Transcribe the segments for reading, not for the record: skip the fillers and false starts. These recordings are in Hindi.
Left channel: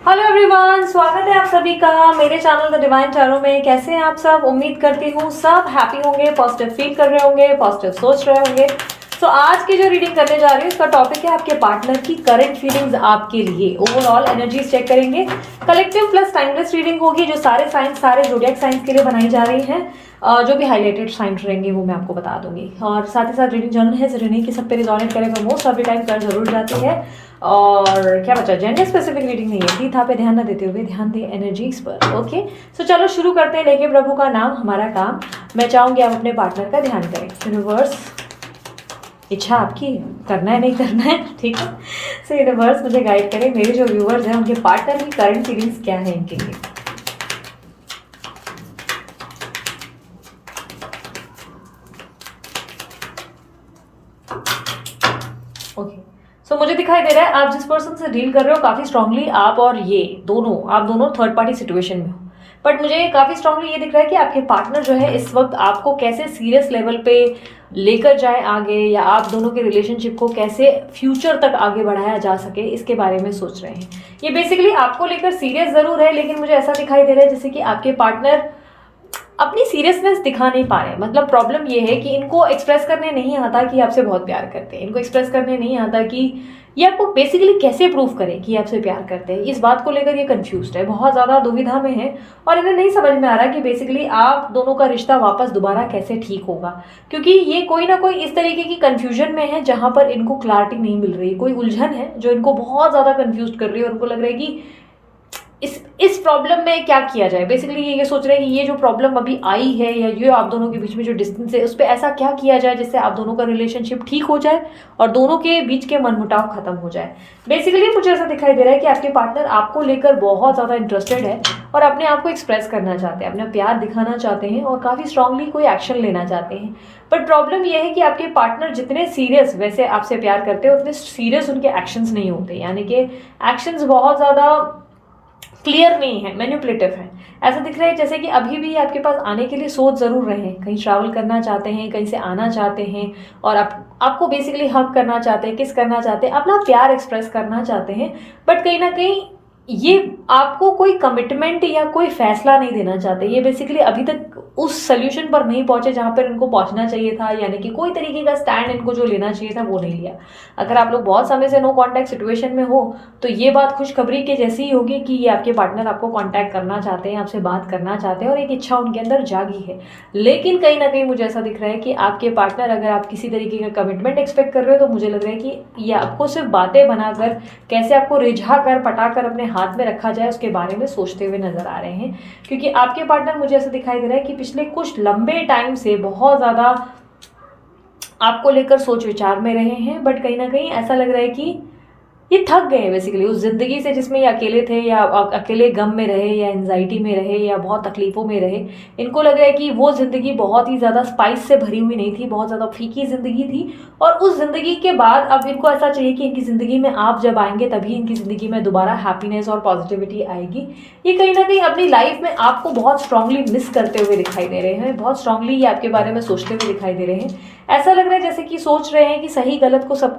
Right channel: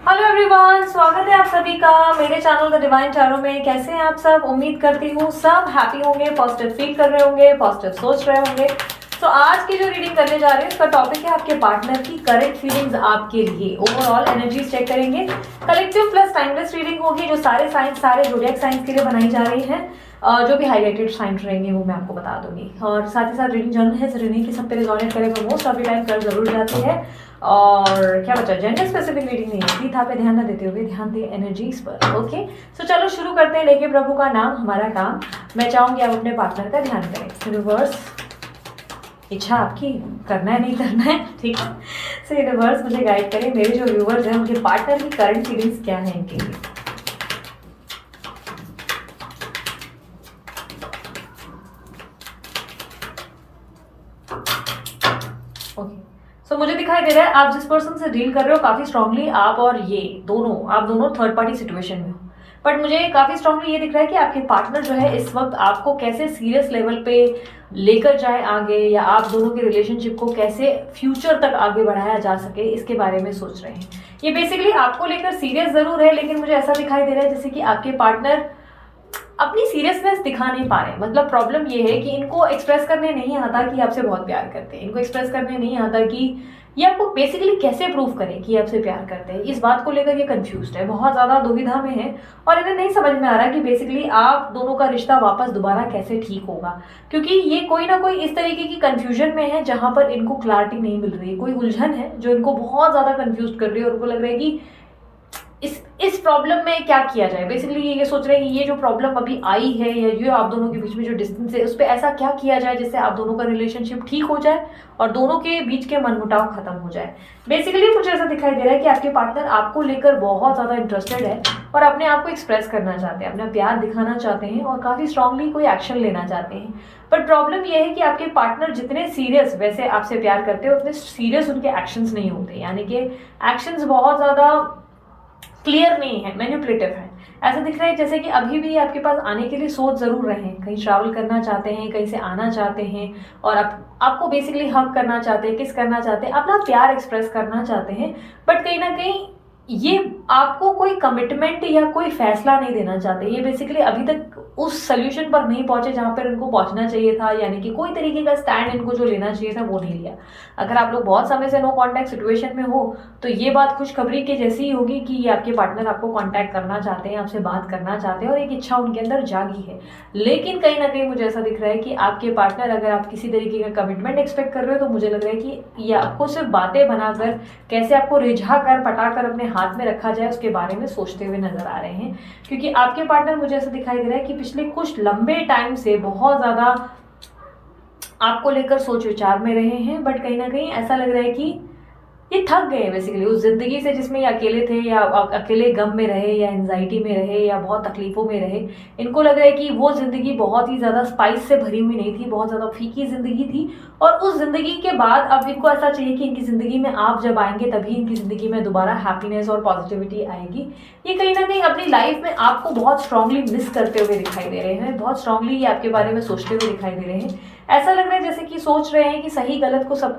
हेलो एवरीवन, स्वागत है आप सभी का मेरे चैनल द डिवाइन टैरो में। कैसे हैं आप सब? उम्मीद करती हूँ सब हैप्पी होंगे, पॉजिटिव फील कर रहे होंगे, पॉजिटिव सोच रहे होंगे। तो आज की जो रीडिंग करने जा रही हूँ उसका टॉपिक है आपके पार्टनर की करंट फीलिंग्स आपके लिए। ओवरऑल एनर्जीज चेक करेंगे। कलेक्टिव प्लस टाइमलेस रीडिंग होगी जो सारे साइंस, सारे ज़ोडिएक साइंस के लिए बनाई जा रही है। जो भी हाईलाइटेड साइंस रहेंगे वो मैं आपको बता दूंगी। और साथ ही साथ रीडिंग जर्नल है, रीडिंग की सब पे रिजोनेट करे वो मोस्ट ऑफ द टाइम कर जरूर जाती है। और क्या बचा, जेंडर स्पेसिफिक रीडिंग नहीं है। सीधा पे ध्यान न देते हुए ध्यान दें एनर्जीज पर। ओके, सो चलो शुरू करते हैं। लेके प्रभु का नाम हमारा काम। मैं चाहूंगी आप अपने पार्टनर का ध्यान करें। यूनिवर्स, इच्छा आपकी, करना है नहीं करना है, ठीक है। सो यूनिवर्स मुझे गाइड करें, मेरे जो व्यूवर्स हैं उनके पार्टनर की करंट फीलिंग्स क्या है इनके लिए। ओके, सो मुझे दिखाई दे रहा है आप जिस पर्सन से डील कर रहे हो काफी स्ट्रांगली आप और ये दोनों, आप दोनों थर्ड पार्टी सिचुएशन में हो। बट मुझे काफी स्ट्रांगली ये दिख रहा है कि आपके पार्टनर जो है इस वक्त आपको कैसे सीरियस लेवल पे लेकर जाए आगे, या आप दोनों के रिलेशनशिप को कैसे फ्यूचर तक आगे बढ़ाया जा सके इसके बारे में सोच रहे हैं। ये बेसिकली आपको लेकर सीरियस जरूर है, लेकिन मुझे ऐसा दिखाई दे रहा है जैसे कि आपके पार्टनर अपनी सीरियसनेस दिखा नहीं पा रहे। मतलब प्रॉब्लम ये है कि इनको एक्सप्रेस करने नहीं आता कि आपसे बहुत प्यार करते हैं। इनको एक्सप्रेस करने नहीं आता कि ये आपको बेसिकली कैसे प्रूव करें कि आपसे प्यार करते हैं। इस बात को लेकर ये कंफ्यूज्ड है, बहुत ज्यादा दुविधा में है। और इन्हें नहीं समझ में आ रहा कि बेसिकली आप दोनों का रिश्ता वापस दोबारा कैसे ठीक होगा, क्योंकि ये कोई ना कोई इस तरीके की कंफ्यूजन में है जहां पर इनको क्लैरिटी नहीं मिल रही। कोई उलझन है जो इनको बहुत ज्यादा कंफ्यूज कर रही है और उनको लग रहा है कि इस प्रॉब्लम में क्या किया जाए। बेसिकली ये सोच रहे हैं कि ये जो प्रॉब्लम अभी आई है या ये आप दोनों के बीच में जो डिस्टेंस है उस पर ऐसा क्या किया जाए जिससे आप दोनों का रिलेशनशिप ठीक हो जाए और दोनों के बीच के मनमुटाव खत्म हो जाए। बेसिकली मुझे ऐसा दिखाई दे रहा है कि आपके पार्टनर आपको लेकर बहुत ज्यादा इंटरेस्टेड है और अपने आप को एक्सप्रेस करना चाहते हैं, अपना प्यार दिखाना चाहते हैं और काफी स्ट्रांगली कोई एक्शन लेना चाहते हैं। बट प्रॉब्लम यह है कि आपके पार्टनर जितने सीरियस वैसे आपसे प्यार करते हैं उतने सीरियस उनके एक्शंस नहीं होते, यानी कि एक्शंस बहुत ज्यादा क्लियर नहीं है, मैनिपुलेटिव है। ऐसा दिख रहा है जैसे कि अभी भी आपके पास आने के लिए सोच जरूर रहे हैं, कहीं ट्रैवल करना चाहते हैं, कहीं से आना चाहते हैं और आपको बेसिकली हक करना चाहते हैं, किस करना चाहते हैं, अपना प्यार एक्सप्रेस करना चाहते हैं। बट कहीं ना कहीं ये आपको कोई कमिटमेंट या कोई फैसला नहीं देना चाहते। ये बेसिकली अभी तक उस सोल्यूशन पर नहीं पहुंचे जहां पर इनको पहुंचना चाहिए था, यानी कि कोई तरीके का स्टैंड इनको जो लेना चाहिए था वो नहीं लिया। अगर आप लोग बहुत समय से नो कांटेक्ट सिचुएशन में हो तो ये बात खुशखबरी के जैसी ही होगी कि ये आपके पार्टनर आपको कांटेक्ट करना चाहते हैं, आपसे बात करना चाहते हैं और एक इच्छा उनके अंदर जागी है। लेकिन कहीं ना कहीं मुझे ऐसा दिख रहा है कि आपके पार्टनर, अगर आप किसी तरीके का कमिटमेंट एक्सपेक्ट कर रहे हो तो मुझे लग रहा है कि ये आपको सिर्फ बातें बनाकर, कैसे आपको रिझा कर पटा कर अपने हाथ में रखा जाए उसके बारे में सोचते हुए नजर आ रहे हैं। क्योंकि आपके पार्टनर मुझे ऐसा दिखाई दे रहा है कि पिछले कुछ लंबे टाइम से बहुत ज्यादा आपको लेकर सोच विचार में रहे हैं। बट कहीं ना कहीं ऐसा लग रहा है कि ये थक गए हैं बेसिकली उस जिंदगी से जिसमें ये अकेले थे, या अकेले गम में रहे, या एंजाइटी में रहे, या बहुत तकलीफों में रहे। इनको लग रहा है कि वो जिंदगी बहुत ही ज्यादा स्पाइस से भरी हुई नहीं थी, बहुत ज्यादा फीकी जिंदगी थी। और उस जिंदगी के बाद अब इनको ऐसा चाहिए कि इनकी जिंदगी में आप जब आएंगे तभी इनकी जिंदगी में दोबारा हैप्पीनेस और पॉजिटिविटी आएगी। ये कहीं ना कहीं अपनी लाइफ में आपको बहुत स्ट्रांगली मिस करते हुए दिखाई दे रहे हैं, बहुत स्ट्रांगली ये आपके बारे में सोचते हुए दिखाई दे रहे हैं। ऐसा लग रहा है जैसे कि सोच रहे हैं कि सही गलत को, सब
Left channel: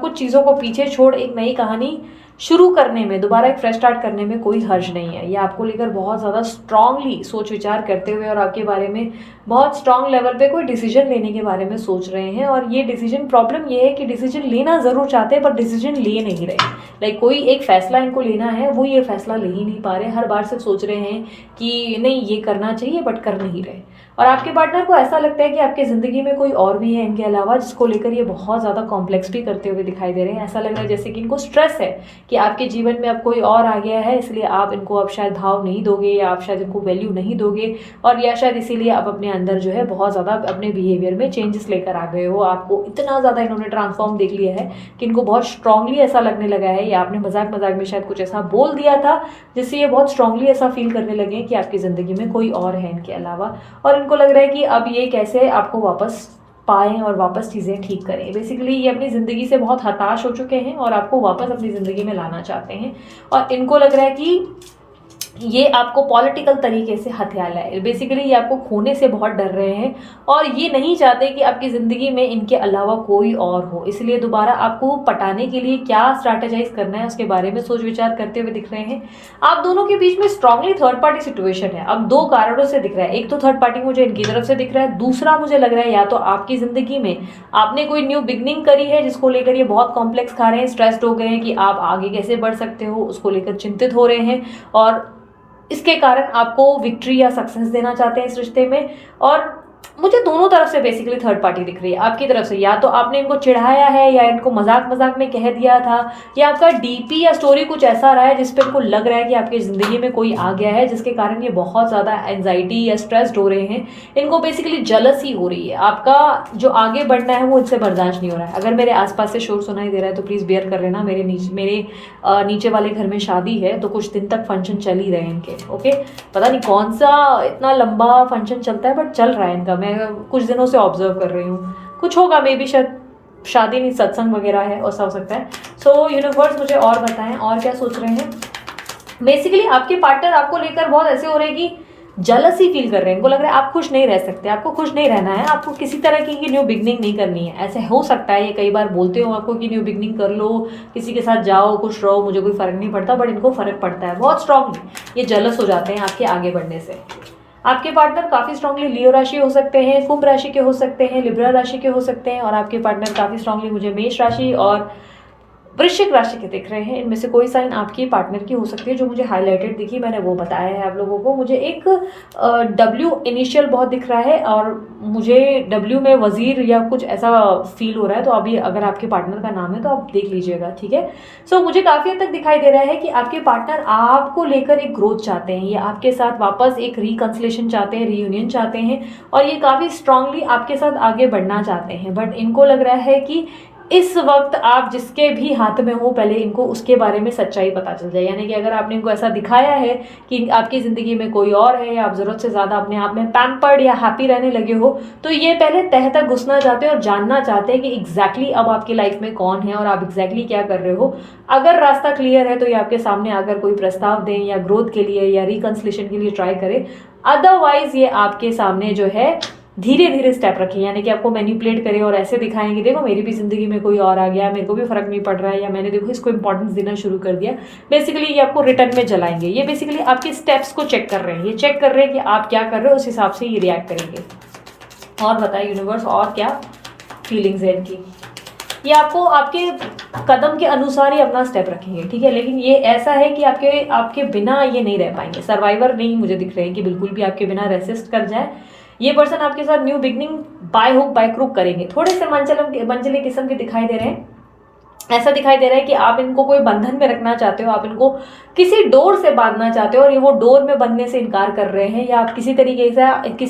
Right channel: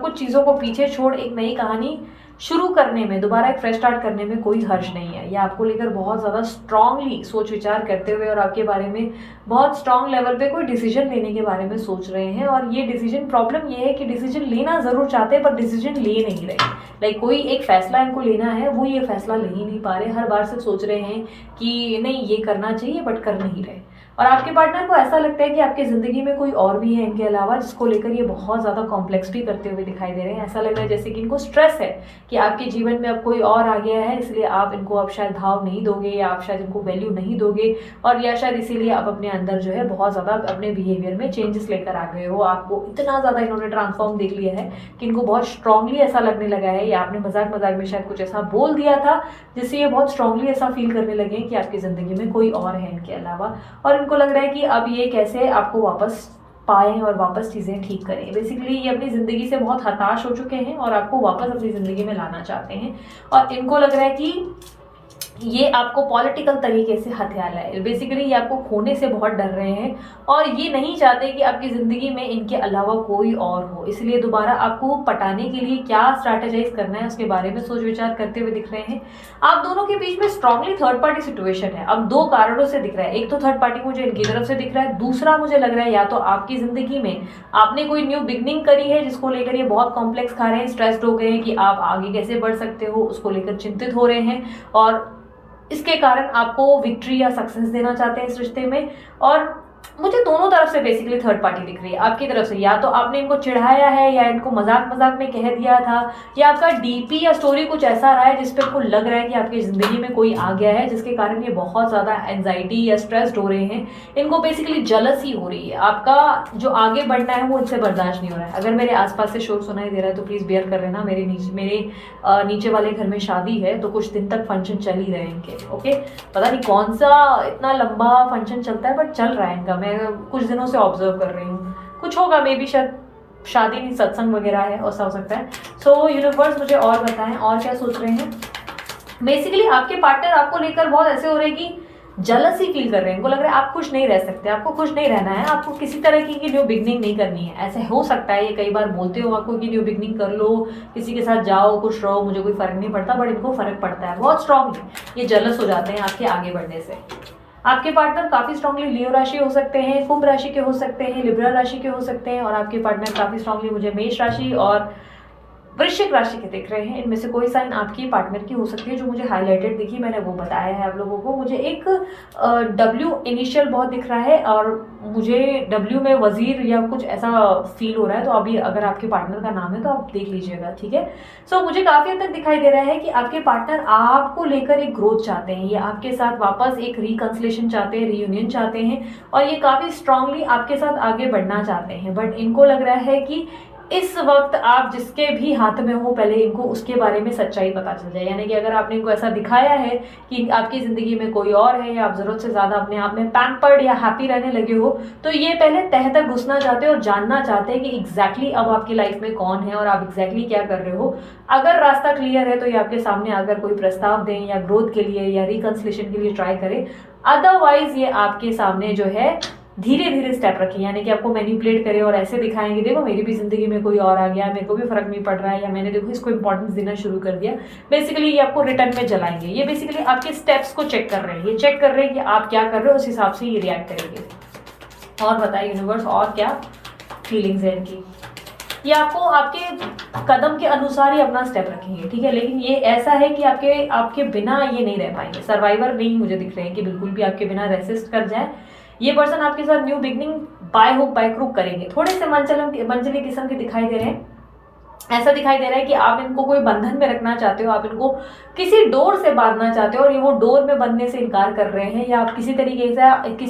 कुछ चीजों को पीछे छोड़ एक नई कहानी शुरू करने में, दोबारा एक फ्रेश स्टार्ट करने में कोई हर्ज नहीं है। ये आपको लेकर बहुत ज्यादा स्ट्रांगली सोच विचार करते हुए और आपके बारे में बहुत स्ट्रांग लेवल पे कोई डिसीजन लेने के बारे में सोच रहे हैं। और ये डिसीजन, प्रॉब्लम ये है कि डिसीजन लेना जरूर चाहते हैं पर डिसीजन ले नहीं रहे। लाइक कोई एक फैसला इनको लेना है, वो ये फैसला ले ही नहीं पा रहे। हर बार सिर्फ सोच रहे हैं कि नहीं ये करना चाहिए बट कर नहीं रहे। और आपके पार्टनर को ऐसा लगता है कि आपकी जिंदगी में कोई और भी है इनके अलावा, जिसको लेकर ये बहुत ज्यादा कॉम्प्लेक्स भी करते हुए दिखाई दे रहे हैं। ऐसा लग रहा है जैसे कि इनको स्ट्रेस है कि आपके जीवन में अब कोई और आ गया है, इसलिए आप इनको अब शायद भाव नहीं दोगे, या आप शायद इनको वैल्यू नहीं दोगे, और या शायद इसीलिए आप अपने अंदर जो है बहुत ज्यादा अपने बिहेवियर में चेंजेस लेकर आ गए हो। आपको इतना ज्यादा इन्होंने ट्रांसफॉर्म देख लिया है कि इनको बहुत स्ट्रांगली ऐसा लगने लगा है, या आपने मजाक मजाक में शायद कुछ ऐसा बोल दिया था जिससे ये बहुत स्ट्रांगली ऐसा फील करने लगे कि आपकी जिंदगी में कोई और है इनके अलावा। और इनको लग रहा है कि अब ये कैसे आपको वापस पाएं और वापस चीजें ठीक करें। बेसिकली ये अपनी जिंदगी से बहुत हताश हो चुके हैं और आपको वापस अपनी जिंदगी में लाना चाहते हैं। और इनको लग रहा है कि ये आपको पॉलिटिकल तरीके से हथियाला है। बेसिकली ये आपको खोने से बहुत डर रहे हैं और ये नहीं चाहते कि आपकी ज़िंदगी में इनके अलावा कोई और हो, इसलिए दोबारा आपको पटाने के लिए क्या स्ट्रैटेजाइज करना है उसके बारे में सोच विचार करते हुए दिख रहे हैं। आप दोनों के बीच में स्ट्रांगली थर्ड पार्टी सिचुएशन है। अब दो कारणों से दिख रहा है, एक तो थर्ड पार्टी मुझे इनकी तरफ से दिख रहा है, दूसरा मुझे लग रहा है या तो आपकी ज़िंदगी में आपने कोई न्यू बिगनिंग करी है जिसको लेकर ये बहुत कॉम्प्लेक्स खा रहे हैं, स्ट्रेस्ड हो गए हैं कि आप आगे कैसे बढ़ सकते हो, उसको लेकर चिंतित हो रहे हैं और इसके कारण आपको विक्ट्री या सक्सेस देना चाहते हैं इस रिश्ते में। और मुझे दोनों तरफ से बेसिकली थर्ड पार्टी दिख रही है। आपकी तरफ से या तो आपने इनको चिढ़ाया है या इनको मजाक मजाक में कह दिया था, या आपका डीपी या स्टोरी कुछ ऐसा रहा है जिसपे इनको लग रहा है कि आपकी जिंदगी में कोई आ गया है जिसके कारण ये बहुत ज्यादा एंजाइटी या स्ट्रेस्ड हो रहे हैं। इनको बेसिकली जलसी हो रही है, आपका जो आगे बढ़ना है वो इनसे बर्दाश्त नहीं हो रहा है। अगर मेरे आसपास से शोर सुनाई दे रहा है तो प्लीज बेयर कर लेना, मेरे नीचे वाले घर में शादी है तो कुछ दिन तक फंक्शन चल ही रहे हैं इनके। ओके, पता नहीं कौन सा इतना लंबा फंक्शन चलता है बट चल रहा है इनका, मैं कुछ दिनों से ऑब्जर्व कर रही हूँ। कुछ होगा, मे बी शायद शादी नहीं सत्संग वगैरह है, ऐसा हो सकता है। सो यूनिवर्स मुझे और बताएं और क्या सोच रहे हैं। बेसिकली आपके पार्टनर आपको लेकर बहुत ऐसे हो रहे हैं कि जलसी फील कर रहे हैं, इनको लग रहा है आप खुश नहीं रह सकते, आपको खुश नहीं रहना है, आपको किसी तरह की न्यू बिगनिंग नहीं करनी है। ऐसे हो सकता है ये कई बार बोलते हो आपको कि न्यू बिगनिंग कर लो, किसी के साथ जाओ, खुश रहो, मुझे कोई फर्क नहीं पड़ता, बट इनको फर्क पड़ता है बहुत स्ट्रांगली। ये जलस हो जाते हैं आपके आगे बढ़ने से। आपके पार्टनर काफी स्ट्रांगली लियो राशि हो सकते हैं, कुंभ राशि के हो सकते हैं, लिब्रा राशि के हो सकते हैं, और आपके पार्टनर काफी स्ट्रांगली मुझे मेष राशि और वृश्चिक राशि के दिख रहे हैं। इनमें से कोई साइन आपकी पार्टनर की हो सकती है, जो मुझे हाईलाइटेड दिखी मैंने वो बताया है आप लोगों को। मुझे एक डब्ल्यू इनिशियल बहुत दिख रहा है और मुझे डब्ल्यू में वजीर या कुछ ऐसा फील हो रहा है, तो अभी अगर आपके पार्टनर का नाम है तो आप देख लीजिएगा, ठीक है। सो मुझे काफी हद तक दिखाई दे रहा है कि आपके पार्टनर आपको लेकर एक ग्रोथ चाहते हैं, ये आपके साथ वापस एक रिकंसिलेशन चाहते हैं, रीयूनियन चाहते हैं, और ये काफी स्ट्रांगली आपके साथ आगे बढ़ना चाहते हैं। बट इनको लग रहा है कि इस वक्त आप जिसके भी हाथ में हो पहले इनको उसके बारे में सच्चाई पता चल जाए। यानी कि अगर आपने इनको ऐसा दिखाया है कि आपकी जिंदगी में कोई और है या आप जरूरत से ज्यादा अपने आप में पैम्पर्ड या हैप्पी रहने लगे हो, तो ये पहले तह तक घुसना चाहते हैं और जानना चाहते हैं कि एग्जैक्टली अब आपकी लाइफ में कौन है और आप एग्जैक्टली क्या कर रहे हो। अगर रास्ता क्लियर है तो ये आपके सामने आकर कोई प्रस्ताव दें या ग्रोथ के लिए या रिकंसिलेशन के लिए ट्राई करें। अदरवाइज ये आपके सामने जो है धीरे धीरे स्टेप रखें, यानी कि आपको मैनिपुलेट करें और ऐसे दिखाएंगे देखो मेरी भी जिंदगी में कोई और आ गया, मेरे को भी फर्क नहीं पड़ रहा है, या मैंने देखो इसको इंपॉर्टेंस देना शुरू कर दिया। बेसिकली ये आपको रिटर्न में जलाएंगे। ये बेसिकली आपके स्टेप्स को चेक कर रहे हैं, ये चेक कर रहे हैं कि आप क्या कर रहे हो, उस हिसाब से ये रिएक्ट करेंगे। और बताइए यूनिवर्स और क्या फीलिंग्स है इनकी। ये आपको आपके कदम के अनुसार ही अपना स्टेप रखेंगे, ठीक है, लेकिन ये ऐसा है कि आपके बिना ये नहीं रह पाएंगे। सर्वाइवर नहीं मुझे दिख रहे हैं कि बिल्कुल भी आपके बिना रेसिस्ट कर जाए। ये पर्सन आपके साथ new beginning by hook by crook करेंगे। थोड़े से मंचले किस्म के दिखाई दे रहे हैं। ऐसा दिखाई दे रहा है कि आप इनको कोई बंधन में रखना चाहते हो, आप इनको किसी डोर से बांधना चाहते हो और ये वो डोर में बनने से इनकार कर रहे हैं, या आप किसी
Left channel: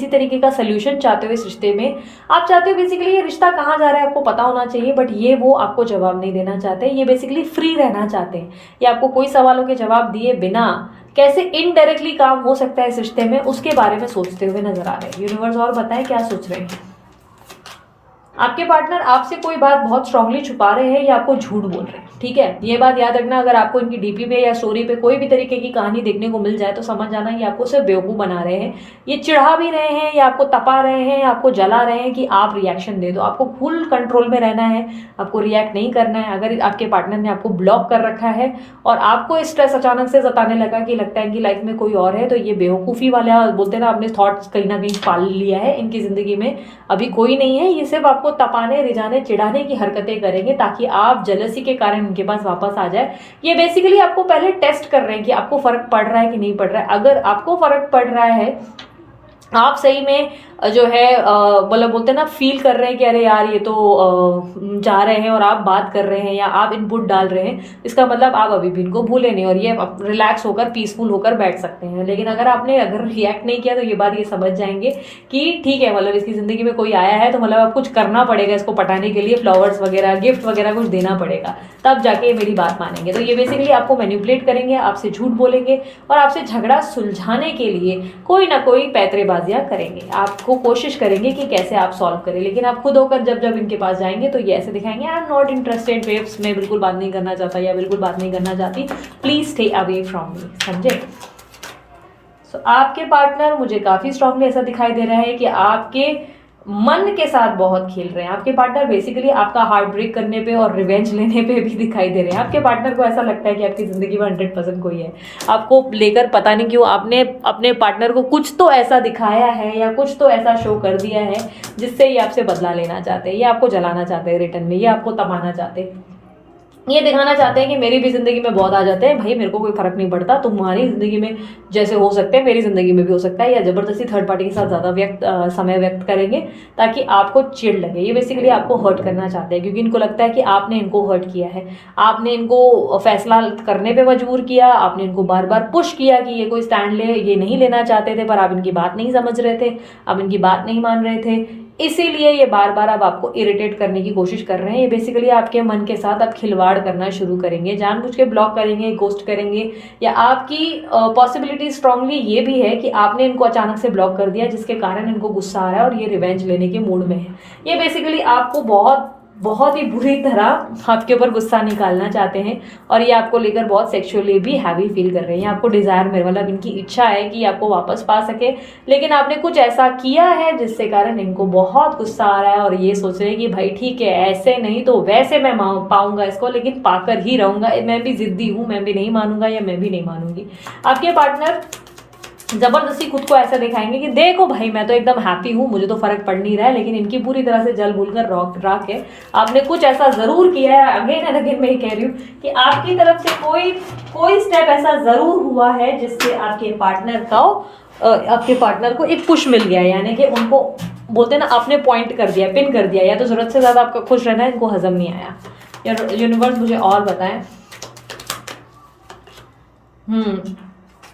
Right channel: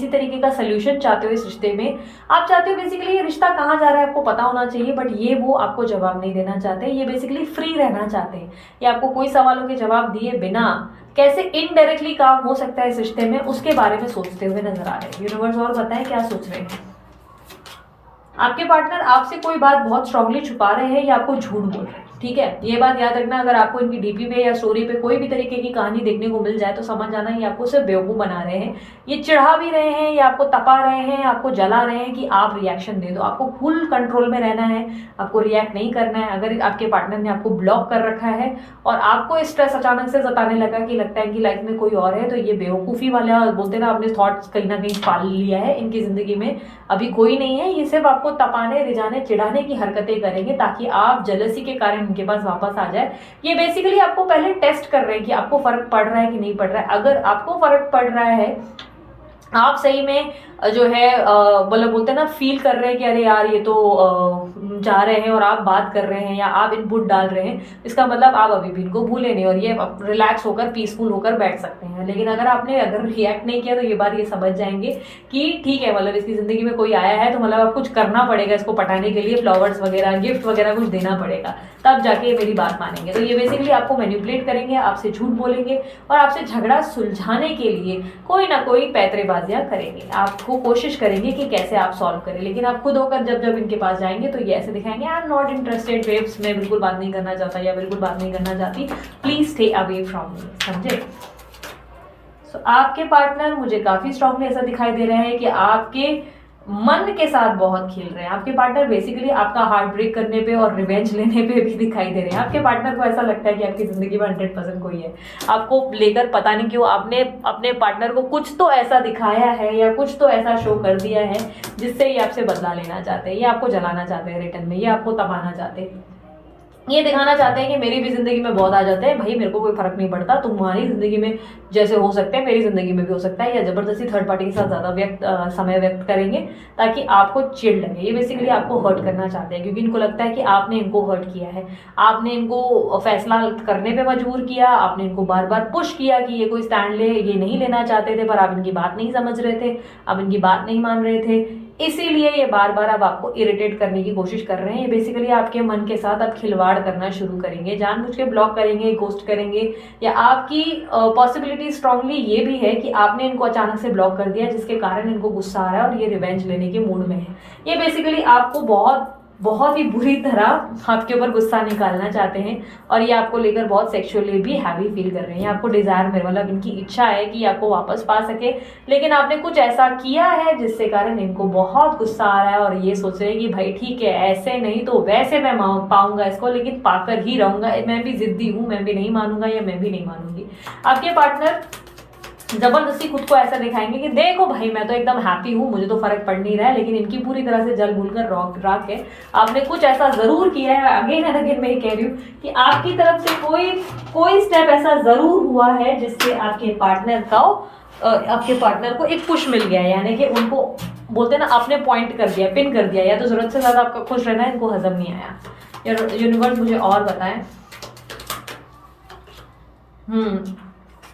तरीके का सोल्यूशन चाहते हो इस रिश्ते में। आप चाहते हो बेसिकली ये रिश्ता कहाँ जा रहा है आपको पता होना चाहिए, बट ये वो आपको जवाब नहीं देना चाहते। ये बेसिकली फ्री रहना चाहते हैं, ये आपको कोई सवालों के जवाब दिए बिना कैसे इनडायरेक्टली काम हो सकता है इस रिश्ते में उसके बारे में सोचते हुए नजर आ रहे हैं। यूनिवर्स और बताएं क्या सोच रहे हैं। आपके पार्टनर आपसे कोई बात बहुत स्ट्रांगली छुपा रहे हैं या आपको झूठ बोल रहे हैं, ठीक है, ये बात याद रखना। अगर आपको इनकी डीपी पे या स्टोरी पे कोई भी तरीके की कहानी देखने को मिल जाए तो समझ जाना ये आपको सिर्फ बेवकूफ बना रहे हैं। ये चिढ़ा भी रहे हैं या आपको तपा रहे हैं या आपको जला रहे हैं कि आप रिएक्शन दे दो। आपको फुल कंट्रोल में रहना है, आपको रिएक्ट नहीं करना है। अगर आपके पार्टनर ने आपको ब्लॉक कर रखा है और आपको स्ट्रेस अचानक से जताने लगा कि लगता है कि लाइफ में कोई और है, तो ये बेवकूफ़ी वाला बोलते ना आपने थॉट्स कहीं ना कहीं पाल लिया है। इनकी जिंदगी में अभी कोई नहीं है, ये सिर्फ आपको तपाने रिझाने चिढ़ाने की हरकतें करेंगे ताकि आप जलसी के कारण उनके पास वापस आ जाए। ये बेसिकली आपको पहले टेस्ट कर रहे हैं कि आपको फर्क पड़ रहा है कि नहीं पड़ रहा है। अगर आपको फर्क पड़ रहा है, आप सही में जो है मतलब बोलते हैं ना फील कर रहे हैं कि अरे यार ये तो जा रहे हैं और आप बात कर रहे हैं या आप इनपुट डाल रहे हैं, इसका मतलब आप अभी भी इनको भूले नहीं और ये रिलैक्स होकर पीसफुल होकर बैठ सकते हैं। लेकिन अगर रिएक्ट नहीं किया तो ये बात ये समझ जाएंगे कि ठीक है, मतलब इसकी जिंदगी में कोई आया है तो मतलब अब कुछ करना पड़ेगा इसको पटाने के लिए, फ्लावर्स वगैरह गिफ्ट वगैरह कुछ देना पड़ेगा, तब जाके ये मेरी बात मानेंगे। तो ये बेसिकली आपको मैनिपुलेट करेंगे, आपसे झूठ बोलेंगे और आपसे झगड़ा सुलझाने के लिए कोई ना कोई पैतरेबाजियां करेंगे। आपको कोशिश करेंगे कि कैसे आप सॉल्व करें, लेकिन आप खुद होकर जब इनके पास जाएंगे तो ये ऐसे दिखाएंगे I am not interested waves, मैं बिल्कुल बात नहीं करना चाहता या बिल्कुल बात नहीं करना चाहती, please stay away from me, समझे। सो आपके पार्टनर मुझे काफी स्ट्रांगली ऐसा दिखाई दे रहा है कि आपके मन के साथ बहुत खेल रहे हैं। आपके पार्टनर बेसिकली आपका हार्ट ब्रेक करने पे और रिवेंज लेने पे भी दिखाई दे रहे हैं। आपके पार्टनर को ऐसा लगता है कि आपकी जिंदगी में 100% कोई है आपको लेकर, पता नहीं क्यों आपने अपने पार्टनर को कुछ तो ऐसा दिखाया है या कुछ तो ऐसा शो कर दिया है जिससे ये आपसे बदला लेना चाहते हैं, ये आपको जलाना चाहते हैं रिटर्न में, ये आपको तबाना चाहते हैं, ये दिखाना चाहते हैं कि मेरी भी जिंदगी में बहुत आ जाते हैं भाई, मेरे को कोई फर्क नहीं पड़ता, तुम्हारी जिंदगी में जैसे हो सकते हैं मेरी जिंदगी में भी हो सकता है, या जबरदस्ती थर्ड पार्टी के साथ ज्यादा समय व्यक्त करेंगे ताकि आपको चिढ़ लगे। ये बेसिकली आपको हर्ट करना चाहते हैं क्योंकि इनको लगता है कि आपने इनको हर्ट किया है, आपने इनको फैसला करने पे मजबूर किया, आपने इनको बार बार पुश किया कि ये कोई स्टैंड ले, ये नहीं लेना चाहते थे पर आप इनकी बात नहीं समझ रहे थे, आप इनकी बात नहीं मान रहे थे, इसीलिए ये बार बार अब आपको इरिटेट करने की कोशिश कर रहे हैं। ये बेसिकली आपके मन के साथ अब खिलवाड़ करना शुरू करेंगे, जानबूझ के ब्लॉक करेंगे, गोस्ट करेंगे, या आपकी पॉसिबिलिटी स्ट्रांगली ये भी है कि आपने इनको अचानक से ब्लॉक कर दिया जिसके कारण इनको गुस्सा आ रहा है और ये रिवेंज लेने के मूड में है। ये बेसिकली आपको बहुत बहुत ही बुरी तरह आपके ऊपर गुस्सा निकालना चाहते हैं और ये आपको लेकर बहुत सेक्सुअली भी हैवी फील कर रहे हैं। आपको डिजायर में मतलब इनकी इच्छा है कि आपको वापस पा सके, लेकिन आपने कुछ ऐसा किया है जिससे कारण इनको बहुत गुस्सा आ रहा है और ये सोच रहे हैं कि भाई ठीक है, ऐसे नहीं तो वैसे मैं पाऊंगा इसको, लेकिन पाकर ही रहूंगा, मैं भी जिद्दी हूं, मैं भी नहीं मानूंगा या मैं भी नहीं मानूंगी। आपके पार्टनर जबरदस्ती खुद को ऐसा दिखाएंगे कि देखो भाई मैं तो एकदम हैप्पी हूँ, मुझे तो फर्क पड़ नहीं रहा है, लेकिन इनकी पूरी तरह से जल भूल कर रॉक है। आपने कुछ ऐसा जरूर किया है, अगेन एंड अगेन मैं ये कह रही हूँ कि आपकी तरफ से कोई स्टेप ऐसा जरूर हुआ है जिससे आपके पार्टनर को एक पुश मिल गया, यानी कि उनको बोलते हैं ना आपने पॉइंट कर दिया, पिन कर दिया, या तो जरूरत से ज्यादा आपका खुश रहना है, इनको हजम नहीं आया। यूनिवर्स मुझे और बताएं।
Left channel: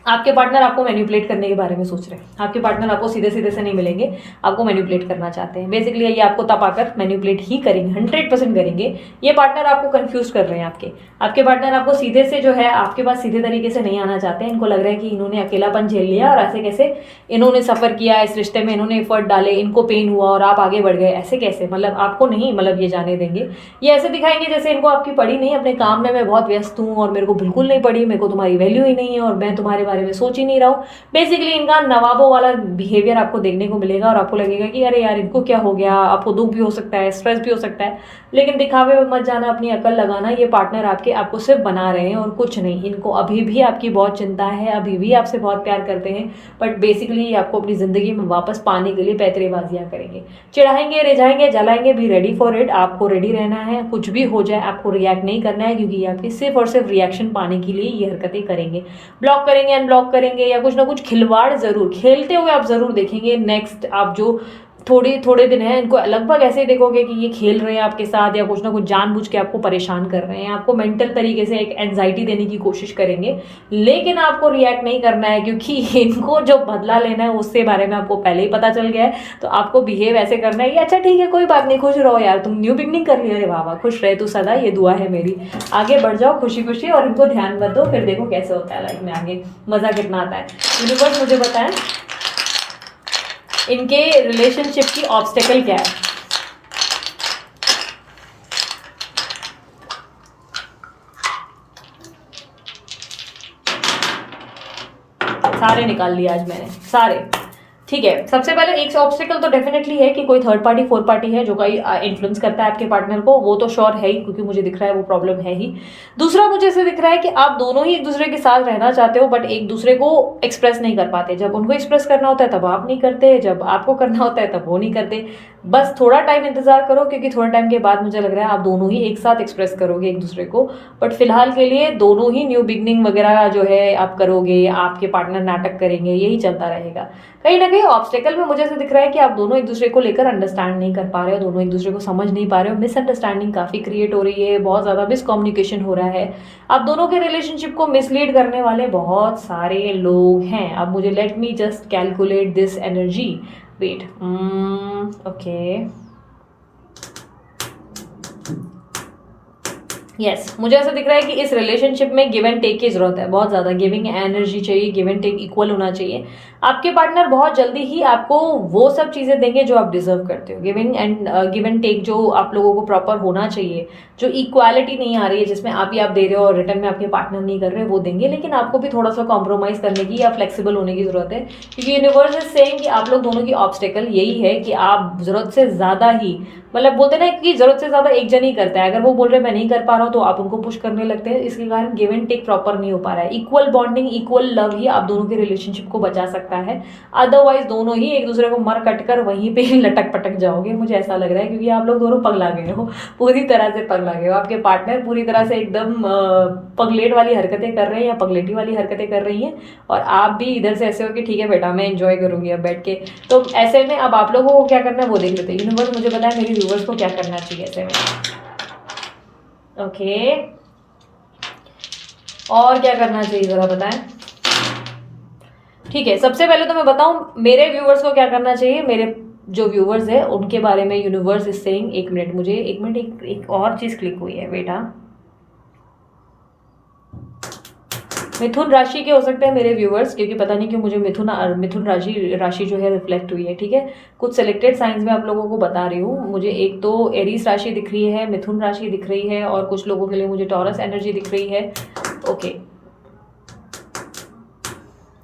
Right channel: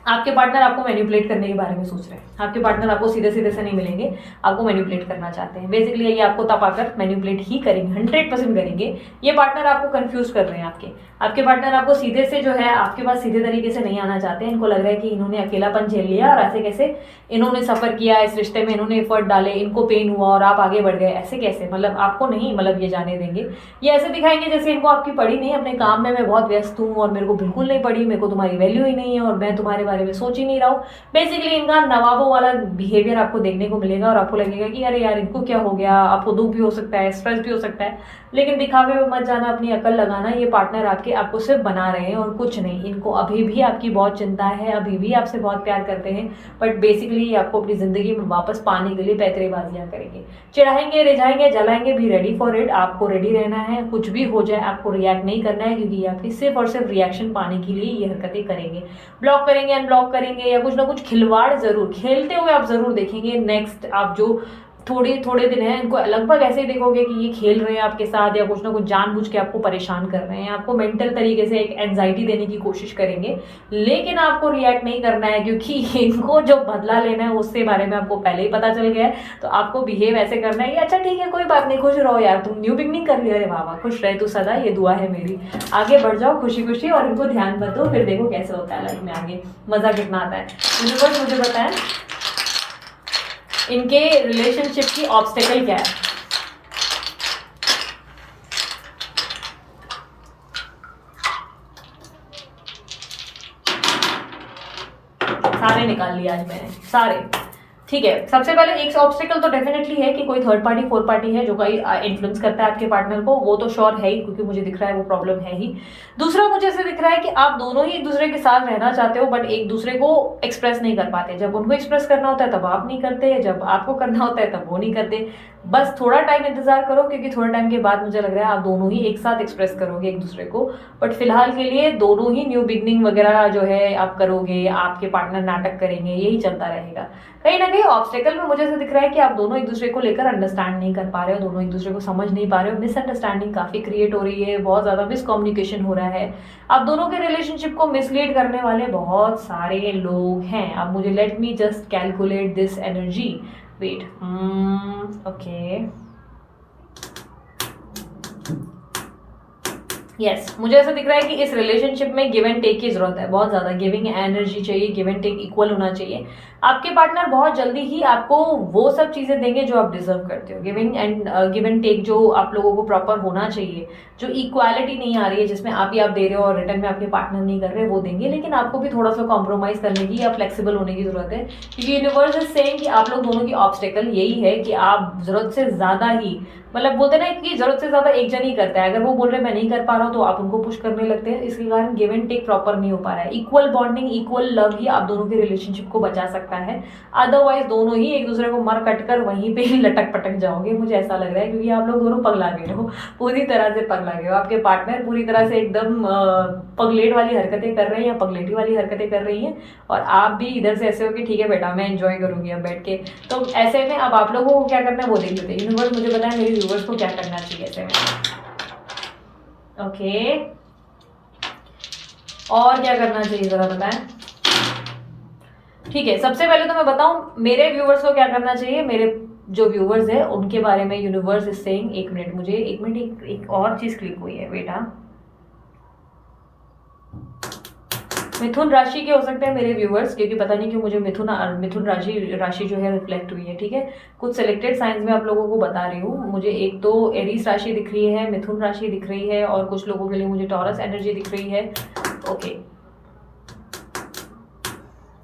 आपके पार्टनर आपको मैनिपुलेट करने के बारे में सोच रहे हैं। आपके पार्टनर आपको सीधे सीधे से नहीं मिलेंगे, आपको मैनिपुलेट करना चाहते हैं। बेसिकली ये आपको तपाकर मैनिपुलेट ही करेंगे, 100% करेंगे। ये पार्टनर आपको कंफ्यूज कर रहे हैं। आपके पार्टनर आपको सीधे से जो है आपके पास सीधे तरीके से नहीं आना चाहते हैं। इनको लग रहा है कि इन्होंने अकेलापन झेल लिया और ऐसे कैसे इन्होंने सफर किया इस रिश्ते में, इन्होंने एफर्ट डाले, इनको पेन हुआ और आप आगे बढ़ गए, ऐसे कैसे, मतलब आपको नहीं मतलब ये जाने देंगे। ये ऐसे दिखाएंगे जैसे इनको आपकी पड़ी नहीं, अपने काम में मैं बहुत व्यस्त हूँ और मेरे को बिल्कुल नहीं पड़ी, मेरे को तुम्हारी वैल्यू ही नहीं है और मैं तुम्हारे बारे में सोच ही नहीं रहा हूँ। बेसिकली इनका नवाबों वाला बिहेवियर आपको देखने को मिलेगा और आपको लगेगा कि अरे यार इनको क्या हो गया। आपको दुख भी हो सकता है, स्ट्रेस भी हो सकता है, लेकिन दिखावे में मत जाना, अपनी अकल लगाना। ये पार्टनर आपको सिर्फ बना रहे हैं और कुछ नहीं। इनको अभी भी आपकी बहुत चिंता है, अभी भी आपसे बहुत प्यार करते हैं, बट बेसिकली आपको अपनी जिंदगी में वापस पाने के लिए पैतरेबाजियां करेंगे, चिढ़ाएंगे, रिझाएंगे, जलाएंगे। भी रेडी फॉर इट, आपको रेडी रहना है। कुछ भी हो जाए आपको रिएक्ट नहीं करना है, क्योंकि आपकी सिर्फ और सिर्फ रिएक्शन पाने के लिए ये हरकतें करेंगे। ब्लॉक करेंगे, अनब्लॉक करेंगे, या कुछ ना कुछ खिलवाड़ जरूर खेलते हुए आप जरूर देखेंगे। नेक्स्ट आप जो थोड़े दिन है, इनको लगभग ऐसे ही देखोगे कि ये खेल रहे हैं आपके साथ या कुछ ना कुछ जानबूझ के आपको परेशान कर रहे हैं, आपको मेंटल तरीके से एक एंजाइटी देने की कोशिश करेंगे, लेकिन आपको रिएक्ट नहीं करना है क्योंकि इनको जो बदला लेना है उसके बारे में आपको पहले ही पता चल गया है। तो आपको बिहेव ऐसे करना है कि अच्छा ठीक है कोई बात नहीं, खुश रहो यार, तुम न्यू बिगनिंग कर रही हो, अरे वाह खुश रहे तू सदा, ये दुआ है मेरी, आगे बढ़ जाओ खुशी खुशी और इनको ध्यान मत दो, फिर देखो कैसे होता है लाइफ में आगे, मजा कितना आता है। यूनिवर्स मुझे बताएं इनके रिलेशनशिप की ऑब्स्टेकल क्या है। सारे निकाल लिए आज मैंने, सारे। ठीक है, सबसे पहले एक ऑब्स्टेकल तो डेफिनेटली है कि कोई थर्ड पार्टी, फोर्थ पार्टी है जो कोई इन्फ्लुएंस करता है आपके पार्टनर को, वो तो श्योर है ही, क्योंकि मुझे दिख रहा है वो प्रॉब्लम है ही। दूसरा मुझे ऐसे दिख रहा है कि आप दोनों ही एक दूसरे के साथ रहना चाहते हो, बट एक दूसरे को एक्सप्रेस नहीं कर पाते। जब उनको एक्सप्रेस करना होता है तब आप नहीं करते, जब आपको करना होता है तब वो नहीं करते। बस थोड़ा टाइम इंतजार करो, क्योंकि थोड़ा टाइम के बाद मुझे लग रहा है आप दोनों ही एक साथ एक्सप्रेस करोगे एक दूसरे को। बट फिलहाल के लिए दोनों ही न्यू बिगनिंग वगैरह जो है आप करोगे, आपके पार्टनर नाटक करेंगे, यही चलता रहेगा। कहीं ना कहीं ऑब्स्टेकल में मुझे ऐसा दिख रहा है कि आप दोनों एक दूसरे को लेकर अंडरस्टैंड नहीं कर पा रहे हो, दोनों एक दूसरे को समझ नहीं पा रहे हो, मिसअंडरस्टैंडिंग काफी क्रिएट हो रही है, बहुत ज्यादा मिसकम्युनिकेशन हो रहा है। आप दोनों के रिलेशनशिप को मिसलीड करने वाले बहुत सारे लोग हैं। अब मुझे let me just calculate this energy, wait, okay, yes मुझे ऐसा दिख रहा है कि इस रिलेशनशिप में गिव एंड टेक की जरूरत है, बहुत ज्यादा गिविंग एनर्जी चाहिए, गिव एंड टेक इक्वल होना चाहिए। आपके पार्टनर बहुत जल्दी ही आपको वो सब चीजें देंगे जो आप डिजर्व करते हो। गिव एंड टेक जो आप लोगों को प्रॉपर होना चाहिए, जो इक्वालिटी नहीं आ रही है जिसमें आप ही आप दे रहे हो और रिटर्न में आपके पार्टनर नहीं कर रहे, वो देंगे। लेकिन आपको भी थोड़ा सा कॉम्प्रोमाइज करने की या फ्लेक्सिबल होने की जरूरत है, क्योंकि यूनिवर्स इज सेइंग कि आप लोग दोनों की ऑब्स्टेकल यही है कि आप जरूरत से ज्यादा ही, मतलब बोलते ना कि जरूरत से ज्यादा एक जन ही करता है। अगर वो बोल रहे मैं नहीं कर पा रहा हूँ तो आप उनको पुश करने लगते हैं, इसके कारण गिव एंड टेक प्रॉपर नहीं हो पा रहा है। इक्वल बॉन्डिंग, इक्वल लव ही आप दोनों की रिलेशनशिप को बचा सकता है। अदरवाइज दोनों ही एक दूसरे को मर कट कर वहीं पे ही लटक पटक जाओगे, मुझे ऐसा लग रहा है, क्योंकि आप लोग दोनों पगला गए हो, पूरी तरह से पगला गए हो। आपके पार्टनर पूरी तरह से एकदम पगलेट वाली हरकतें कर रहे हैं या पगलेटी वाली हरकतें कर रही हैं, और आप भी इधर से ऐसे हो कि ठीक है बेटा मैं एंजॉय करूंगी अब बैठ के। तो ऐसे में अब आप लोगों को क्या करना है वो देख लेते हैं। यूनिवर्स मुझे पता है मेरे व्यूवर्स को क्या करना चाहिए ऐसे में। ओके, और क्या करना चाहिए जरा बताएं। ठीक है, सबसे पहले तो मैं बताऊं मेरे व्यूवर्स को क्या करना चाहिए। मेरे जो व्यूवर्स है उनके बारे में यूनिवर्स इज सेइंग, एक मिनट मुझे एक मिनट, एक और चीज क्लिक हुई है बेटा। मिथुन राशि के हो सकते हैं मेरे व्यूवर्स, क्योंकि पता नहीं क्यों मुझे मिथुन राशि जो है रिफ्लेक्ट हुई है। ठीक है, कुछ सिलेक्टेड साइंस में आप लोगों को बता रही हूँ। मुझे एक तो एरीज राशि दिख रही है, मिथुन राशि दिख रही है, और कुछ लोगों के लिए मुझे टॉरस एनर्जी दिख रही है। ओके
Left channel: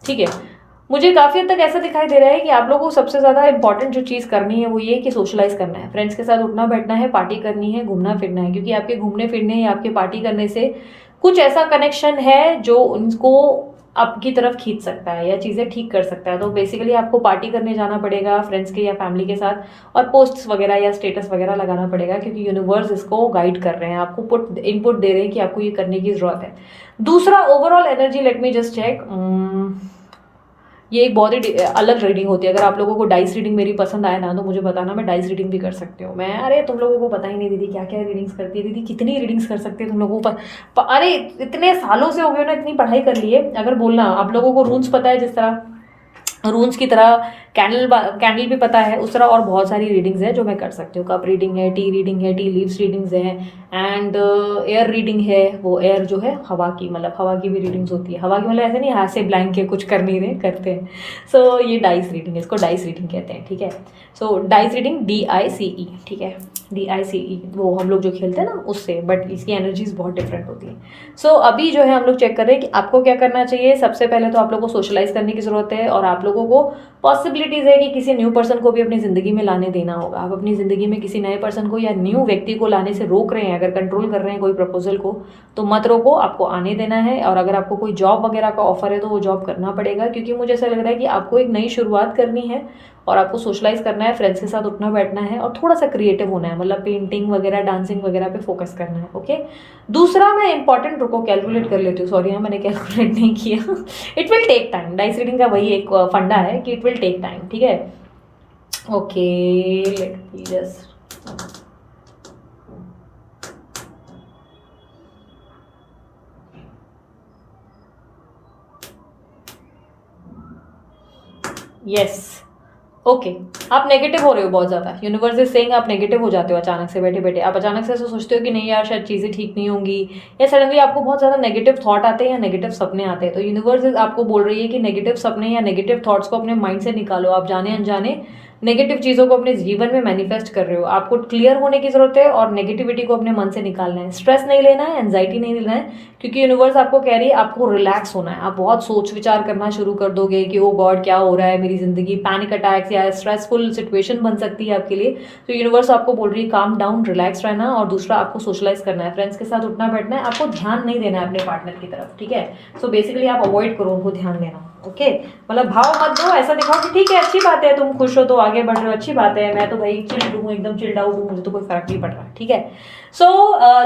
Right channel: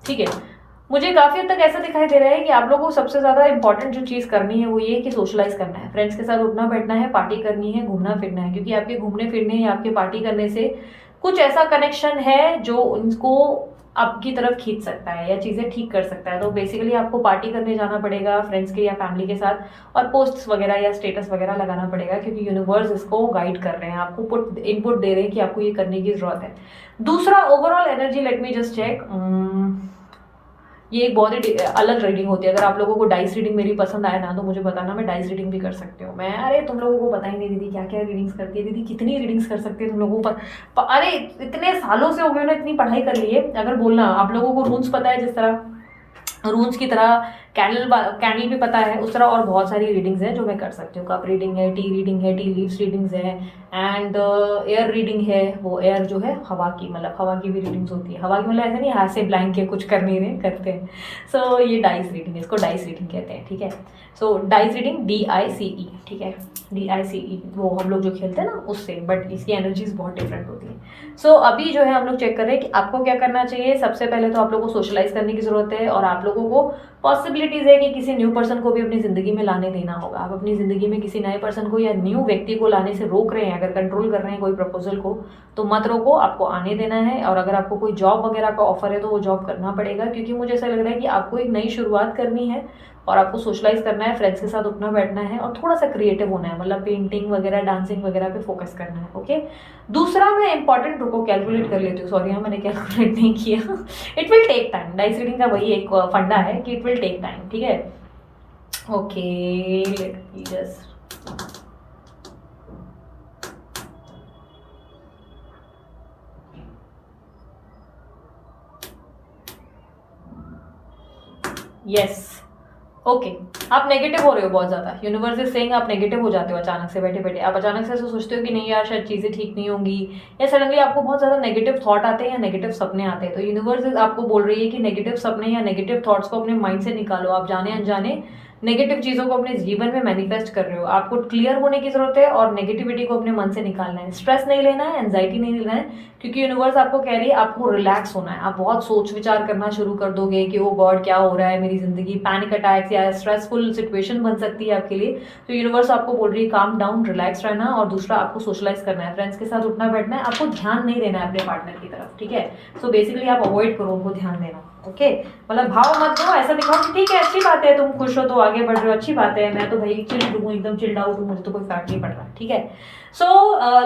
ठीक है, मुझे काफी हद तक ऐसा दिखाई दे रहा है कि आप लोगों को सबसे ज्यादा इंपॉर्टेंट जो चीज करनी है वो ये कि सोशलाइज करना है, फ्रेंड्स के साथ उठना बैठना है, पार्टी करनी है, घूमना फिरना है। क्योंकि आपके घूमने फिरने या आपके पार्टी करने से कुछ ऐसा कनेक्शन है जो उनको आपकी तरफ खींच सकता है या चीजें ठीक कर सकता है। तो बेसिकली आपको पार्टी करने जाना पड़ेगा फ्रेंड्स के या फैमिली के साथ, और पोस्ट्स वगैरह या स्टेटस वगैरह लगाना पड़ेगा, क्योंकि यूनिवर्स इसको गाइड कर रहे हैं, आपको इनपुट दे रहे हैं कि आपको ये करने की जरूरत है। दूसरा overall energy, let me just check. ये एक बहुत ही अलग रीडिंग होती है। अगर आप लोगों को डाइस रीडिंग मेरी पसंद आए ना तो मुझे बताना, मैं डाइस रीडिंग भी कर सकती हूँ। मैं अरे तुम लोगों को पता ही नहीं दीदी क्या क्या रीडिंग्स करती है, दीदी कितनी रीडिंग्स कर सकती है तुम लोगों अरे इतने सालों से हो गए ना, इतनी पढ़ाई कर ली है। अगर बोलना आप लोगों को रून्स पता है, जिस तरह रून्स की तरह कैंडल भी पता है, उस तरह और बहुत सारी रीडिंग्स है जो मैं कर सकती हूँ। कप रीडिंग है, टी रीडिंग है, टी लीव्स रीडिंग्स है, एंड एयर रीडिंग है। वो एयर जो है हवा की, मतलब हवा की भी रीडिंग्स होती है। हवा की मतलब ऐसे नहीं हाथ से ब्लैंक के कुछ कर नहीं रहे, करते हैं। सो ये डाइस रीडिंग है, इसको डाइस रीडिंग कहते हैं। ठीक है, सो डाइस रीडिंग DICE, ठीक है, DICE वो हम लोग जो खेलते हैं ना उससे, बट इसकी एनर्जीज बहुत डिफरेंट होती है। सो अभी जो है हम लोग चेक कर रहे हैं कि आपको क्या करना चाहिए। सबसे पहले तो आप लोगों को सोशलाइज करने की जरूरत है, और आप लोगों को पॉसिबिलिटीज है कि किसी न्यू पर्सन को भी अपनी जिंदगी में लाने देना होगा। आप अपनी जिंदगी में किसी नए पर्सन को या न्यू व्यक्ति को लाने से रोक रहे हैं, अगर कंट्रोल कर रहे हैं कोई प्रपोजल को, तो मत रोको, आपको आने देना है। और अगर आपको कोई जॉब वगैरह का ऑफर है तो वो जॉब करना पड़ेगा, क्योंकि मुझे ऐसा लग रहा है कि आपको एक नई शुरुआत करनी है, और आपको सोशलाइज करना है, फ्रेंड्स के साथ उठना बैठना है, और थोड़ा सा क्रिएटिव होना है, मतलब पेंटिंग वगैरह डांसिंग वगैरह पे फोकस करना है। ओके, दूसरा मैं इंपॉर्टेंट रुको कैलकुलेट कर लेती हूँ, सॉरी हाँ मैंने कैलकुलेट नहीं किया। It will take time, dice reading का वही एक फंडा है कि इट विल टेक टाइम। ठीक है, okay let me just, yes okay, आप नेगेटिव हो रहे हो बहुत ज्यादा। यूनिवर्स इज सेइंग आप नेगेटिव हो जाते हो अचानक से, बैठे बैठे आप अचानक से ऐसा सोचते हो कि नहीं यार शायद चीजें ठीक नहीं होंगी, या सडनली आपको बहुत ज्यादा नेगेटिव थॉट आते हैं या नेगेटिव सपने आते हैं। तो यूनिवर्स आपको बोल रही है कि नेगेटिव सपने या नेगेटिव थॉट्स को अपने माइंड से निकालो। आप जाने अनजाने नेगेटिव चीजों को अपने जीवन में मैनिफेस्ट कर रहे हो। आपको क्लियर होने की जरूरत है और नेगेटिविटी को अपने मन से निकालना है। स्ट्रेस नहीं लेना है, एंजाइटी नहीं लेना है, क्योंकि यूनिवर्स आपको कह रही है आपको रिलैक्स होना है। आप बहुत सोच विचार करना शुरू कर दोगे कि ओ गॉड क्या हो रहा है मेरी जिंदगी, पैनिक अटैक्स या स्ट्रेसफुल सिचुएशन बन सकती है आपके लिए। तो यूनिवर्स आपको बोल रही है काम डाउन, रिलैक्स रहना, और दूसरा आपको सोशलाइज करना है, फ्रेंड्स के साथ उठना बैठना है, आपको ध्यान नहीं देना है अपने पार्टनर की तरफ। ठीक है, सो बेसिकली आप अवॉइड करो उनको ध्यान देना। ओके, मतलब भाव मत दो, ऐसा दिखाओ कि ठीक है अच्छी बात है तुम खुश हो तो आगे बढ़ रहे हो, अच्छी बात है, मैं तो भाई चिल्ड हूँ, एकदम चिल्ड आउट हूँ, मुझे तो कोई फर्क नहीं पड़ रहा। ठीक है, so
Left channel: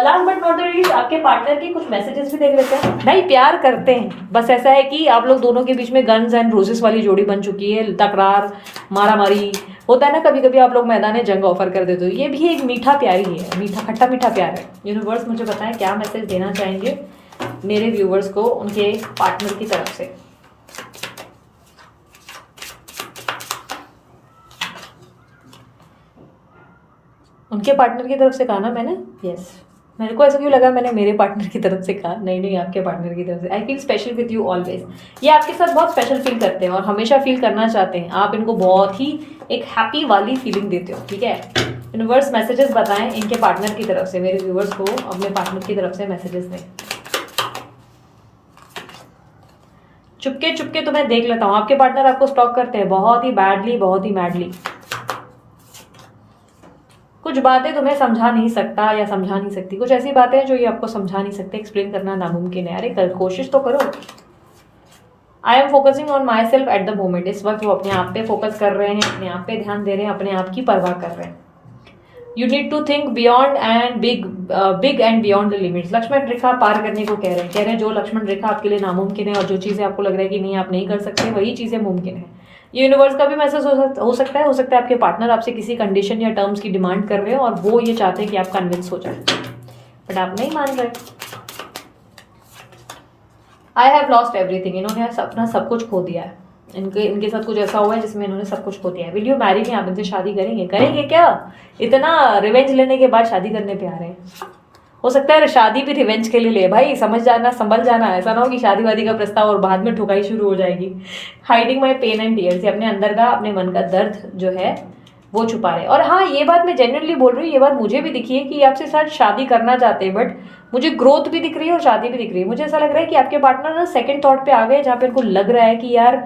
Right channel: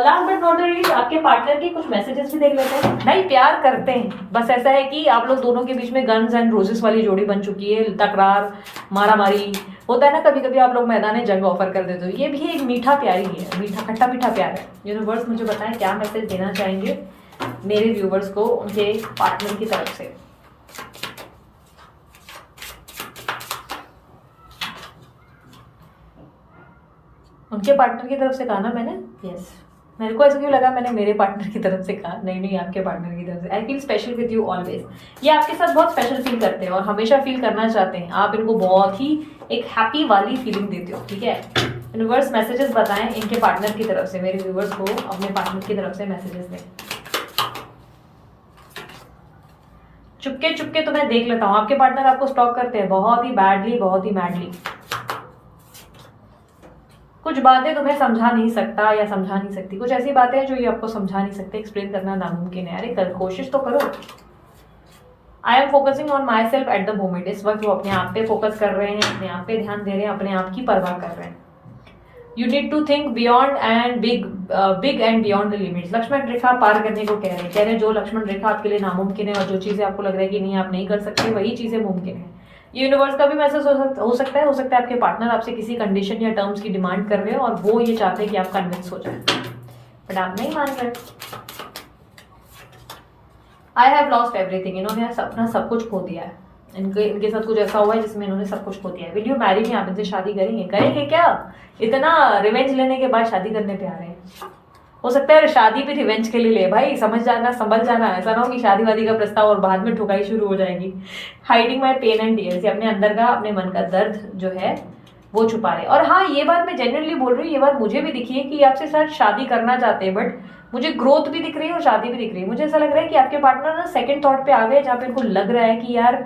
last but not the least आपके पार्टनर की कुछ मैसेजेस भी देख लेते हैं। भाई प्यार करते हैं, बस ऐसा है कि आप लोग दोनों के बीच में गन्स एंड रोजेस वाली जोड़ी बन चुकी है। तकरार मारा मारी होता है ना कभी कभी, आप लोग मैदान जंग ऑफर कर देते हो। ये भी एक मीठा प्यार ही है, मीठा खट्टा मीठा प्यार है। यूनिवर्स मुझे बताएं क्या मैसेज देना चाहेंगे मेरे व्यूवर्स को उनके पार्टनर की तरफ से। उनके पार्टनर की तरफ से कहा ना मैंने, यस मेरे को ऐसा क्यों लगा मैंने मेरे पार्टनर की तरफ से कहा, नहीं नहीं आपके पार्टनर की तरफ से। I feel special with you always. ये आपके साथ बहुत स्पेशल फील करते हैं और हमेशा फील करना चाहते हैं। आप इनको बहुत ही एक हैप्पी वाली फीलिंग देते हो, ठीक है। यूनिवर्स मैसेजेस बताएं इनके पार्टनर की तरफ से, मेरे व्यूवर्स को अपने पार्टनर की तरफ से मैसेजेस दें। चुपके चुपके तो मैं देख लेता हूँ, आपके पार्टनर आपको स्टॉक करते हैं बहुत ही बैडली, बहुत ही मैडली। कुछ बातें तुम्हें समझा नहीं सकता या समझा नहीं सकती, कुछ ऐसी बातें जो ये आपको समझा नहीं सकते, एक्सप्लेन करना नामुमकिन है। अरे कर कोशिश तो करो। I am focusing on my self at the moment. इस वक्त वो अपने आप पे फोकस कर रहे हैं, अपने आप पे ध्यान दे रहे हैं, अपने आप की परवाह कर रहे हैं। You need to think beyond and big and beyond the limits. Lakshman rekha पार करने को कह रहे हैं जो लक्ष्मण रेखा आपके लिए नामुमकिन है और जो चीजें आपको लग रहा है कि नहीं आप नहीं कर सकते, वही चीजें मुमकिन है। ये यूनिवर्स का भी मैसेज हो सकता है आपके पार्टनर आपसे किसी कंडीशन या टर्म्स की डिमांड कर रहे हो और वो ये चाहते हैं कि आप कन्विंस हो जाए, बट आप नहीं मान रहे। I have lost everything. इन्होंने अपना सब कुछ खो दिया है। इनके साथ कुछ ऐसा हुआ है जिसमें इन्होंने सब कुछ खो दिया है। Will you marry me? आप इनसे शादी करेंगे क्या? इतना रिवेंज लेने के बाद शादी करने पे आ रहे हैं। हो सकता है शादी भी रिवेंज के लिए ले भाई, समझ जाना, संभल जाना। ऐसा ना हो कि शादी वादी का प्रस्ताव और बाद में ठुकाई शुरू हो जाएगी। Hiding my pain and tears. अपने अंदर का, अपने मन का दर्द जो है वो छुपा रहे। और हाँ, ये बात मैं जेन्युइनली बोल रही हूँ, ये बात मुझे भी दिखी है कि आपसे शायद शादी करना चाहते हैं, बट मुझे ग्रोथ भी दिख रही है और शादी भी दिख रही है। मुझे ऐसा लग रहा है कि आपके पार्टनर ना सेकंड थॉट पे आ गए, जहाँ पे इनको लग रहा है कि यार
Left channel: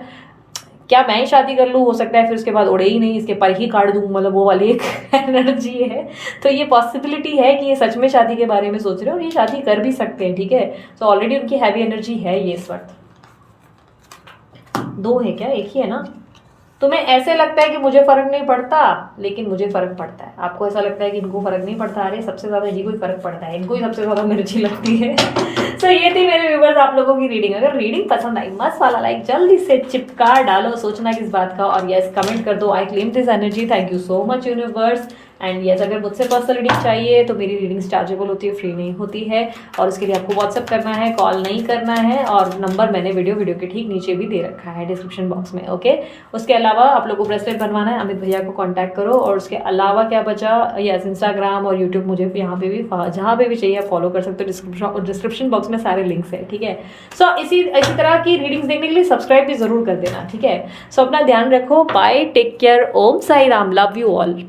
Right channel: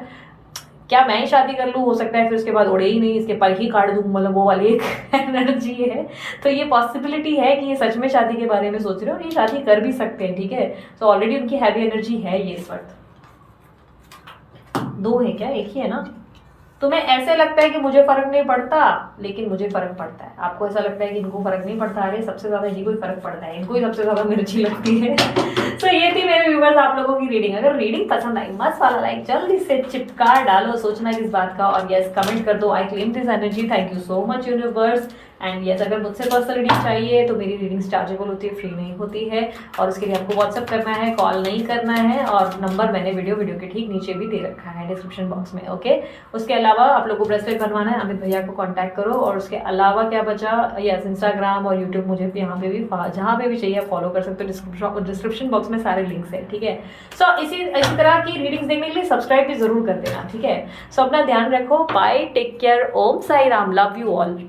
क्या मैं ही शादी कर लूँ, हो सकता है फिर उसके बाद उड़े ही नहीं, इसके पर ही काट दूँ, मतलब वो वाली एक एनर्जी है। तो ये पॉसिबिलिटी है कि ये सच में शादी के बारे में सोच रहे हो और ये शादी कर भी सकते हैं, ठीक है। तो ऑलरेडी उनकी हैवी एनर्जी है ये इस वक्त। दो है क्या, एक ही है ना? तुम्हें ऐसे लगता है कि मुझे फर्क नहीं पड़ता, लेकिन मुझे फर्क पड़ता है। आपको ऐसा लगता है कि इनको फर्क नहीं पड़ता, अरे सबसे ज्यादा इन्हीं को ही फर्क पड़ता है, इनको ही सबसे ज्यादा मिर्ची लगती है। तो ये थी मेरे व्यूवर्स आप लोगों की रीडिंग। अगर रीडिंग पसंद आई, मस्त वाला लाइक जल्दी से चिपका डालो, सोचना किस बात का, और यस कमेंट कर दो, I claim this energy. Thank you so much universe. And yes, अगर मुझसे पर्सनल रीडिंग चाहिए तो मेरी रीडिंग्स चार्जेबल होती है, फ्री नहीं होती है, और उसके लिए आपको व्हाट्सअप करना है, कॉल नहीं करना है। और नंबर मैंने वीडियो के ठीक नीचे भी दे रखा है डिस्क्रिप्शन बॉक्स में, ओके। उसके अलावा आप लोगों को ब्रेसलेट बनवाना है, अमित भैया को कांटेक्ट करो। और उसके अलावा क्या बचा, यस इंस्टाग्राम और यूट्यूब मुझे यहाँ पे भी जहाँ पे भी चाहिए आप फॉलो कर सकते हो। डिस्क्रिप्शन बॉक्स में सारे लिंक्स है, ठीक है। सो इसी तरह की रीडिंग्स देखने के लिए सब्सक्राइब भी जरूर कर देना, ठीक है। सो अपना ध्यान रखो, bye, take care, Om Sai Ram, love you all.